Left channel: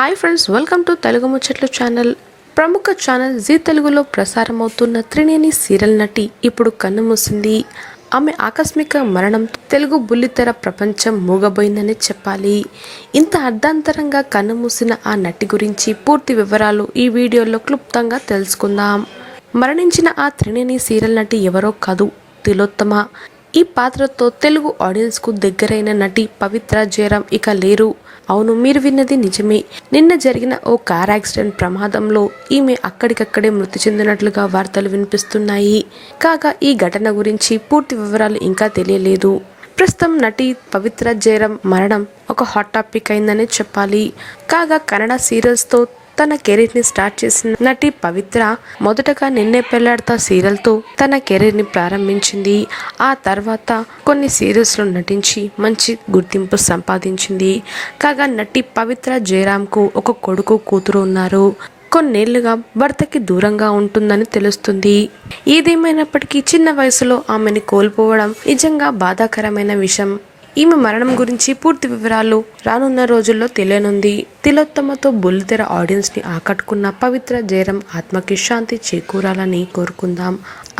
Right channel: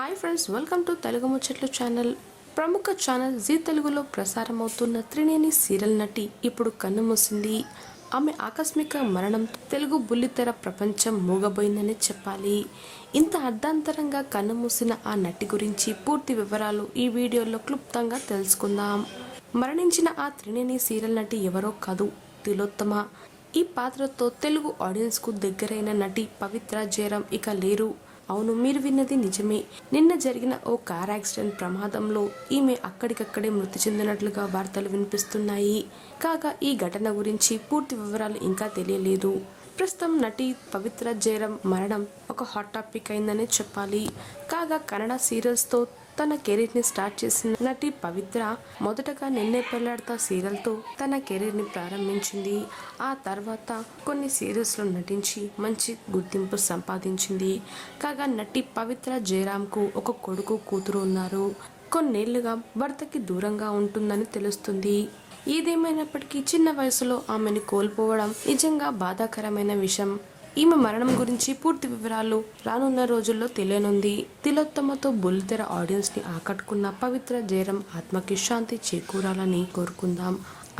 Hi friends, welcome to Telugu ముచ్చట్లు channel. ప్రముఖ channel G తెలుగులో ప్రసారమవుతున్న త్రినేని సీరియల్ నటి ఇప్పుడు కన్నుమూసింది. ఆమె ఆకస్మిక మరణం తెలుగు బుల్లితెర ప్రపంచం మూగబోయిందని చెప్పాలి. ఇంత అర్ధాంతరంగా కన్నుమూసిన ఆ నటి గురించి పూర్తి వివరాలు ఈ వీడియోలో క్లుప్తంగా తెలుసుకుందాం. మరణించిన ఆ త్రినేని సీరియల్ నటి ఎవరో కాదు, తిలోత్తమ. ఈ పాత్రతో తెలుగు ఆడియన్స్కు దగ్గరైన నటి పవిత్ర జయరాం ఇక లేరు. అవును, మీరు విన్నది నిజమే. నిన్న జరిగిన ఓ కార్ యాక్సిడెంట్ ప్రమాదంలో ఈమె అక్కడికక్కడే మృతి చెందినట్లుగా వార్తలు వినిపిస్తున్నాయి. కాగా ఈ ఘటన గురించి పూర్తి వివరాలు ఇంకా తెలియలేదు. ప్రస్తుతం నటి పవిత్ర జయరాం మరణం ఒక హాట్ టాపిక్ అయిందని చెప్పాలి. కాగా కన్నడ సీరియల్స్తో తన కెరీర్ని స్టార్ట్ చేసిన నటి పవిత్ర మొదటగా నిన్నే పెళ్లాడతా సీరియల్తో తన కెరీర్ని ప్రారంభించింది. ఆ తర్వాత కొన్ని సీరియల్స్లో నటించి మంచి గుర్తింపు సంపాదించింది. కాగా నటి పవిత్ర జయరాంకు ఒక కొడుకు కూతురు ఉన్నారు. కొన్నేళ్లుగా భర్తకి దూరంగా ఉంటుందని తెలుస్తుంది. ఏదేమైనప్పటికీ చిన్న వయసులో ఆమెని కోల్పోవడం నిజంగా బాధాకరమైన విషయం. ఈమె మరణం గురించి పూర్తి వివరాలు రానున్న రోజుల్లో తెలియనుంది. తిలోత్తమతో బుల్లితెర ఆడియన్స్ ని ఆకట్టుకున్న పవిత్ర జయరాం ఆత్మకి శాంతి చేకూరాలని కోరుకుందాం.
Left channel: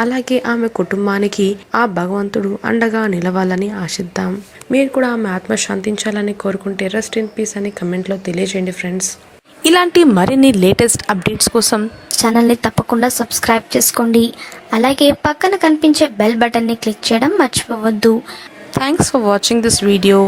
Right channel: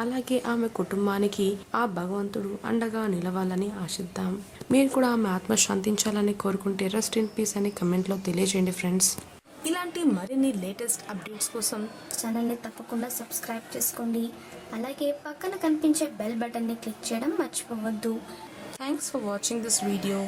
అలాగే ఆమె కుటుంబానికి ఆ భగవంతుడు అండగా నిలవాలని ఆశిద్దాం. మీరు కూడా ఆమె ఆత్మ శాంతించాలని కోరుకుంటే రెస్ట్ ఇన్ పీస్ అని కమెంట్లో తెలియజేయండి ఫ్రెండ్స్. ఇలాంటి మరిన్ని లేటెస్ట్ అప్డేట్స్ కోసం ఛానల్ని తప్పకుండా సబ్స్క్రైబ్ చేసుకోండి. అలాగే పక్కన కనిపించే బెల్ బటన్ని క్లిక్ చేయడం మర్చిపోవద్దు. Thanks for watching this video.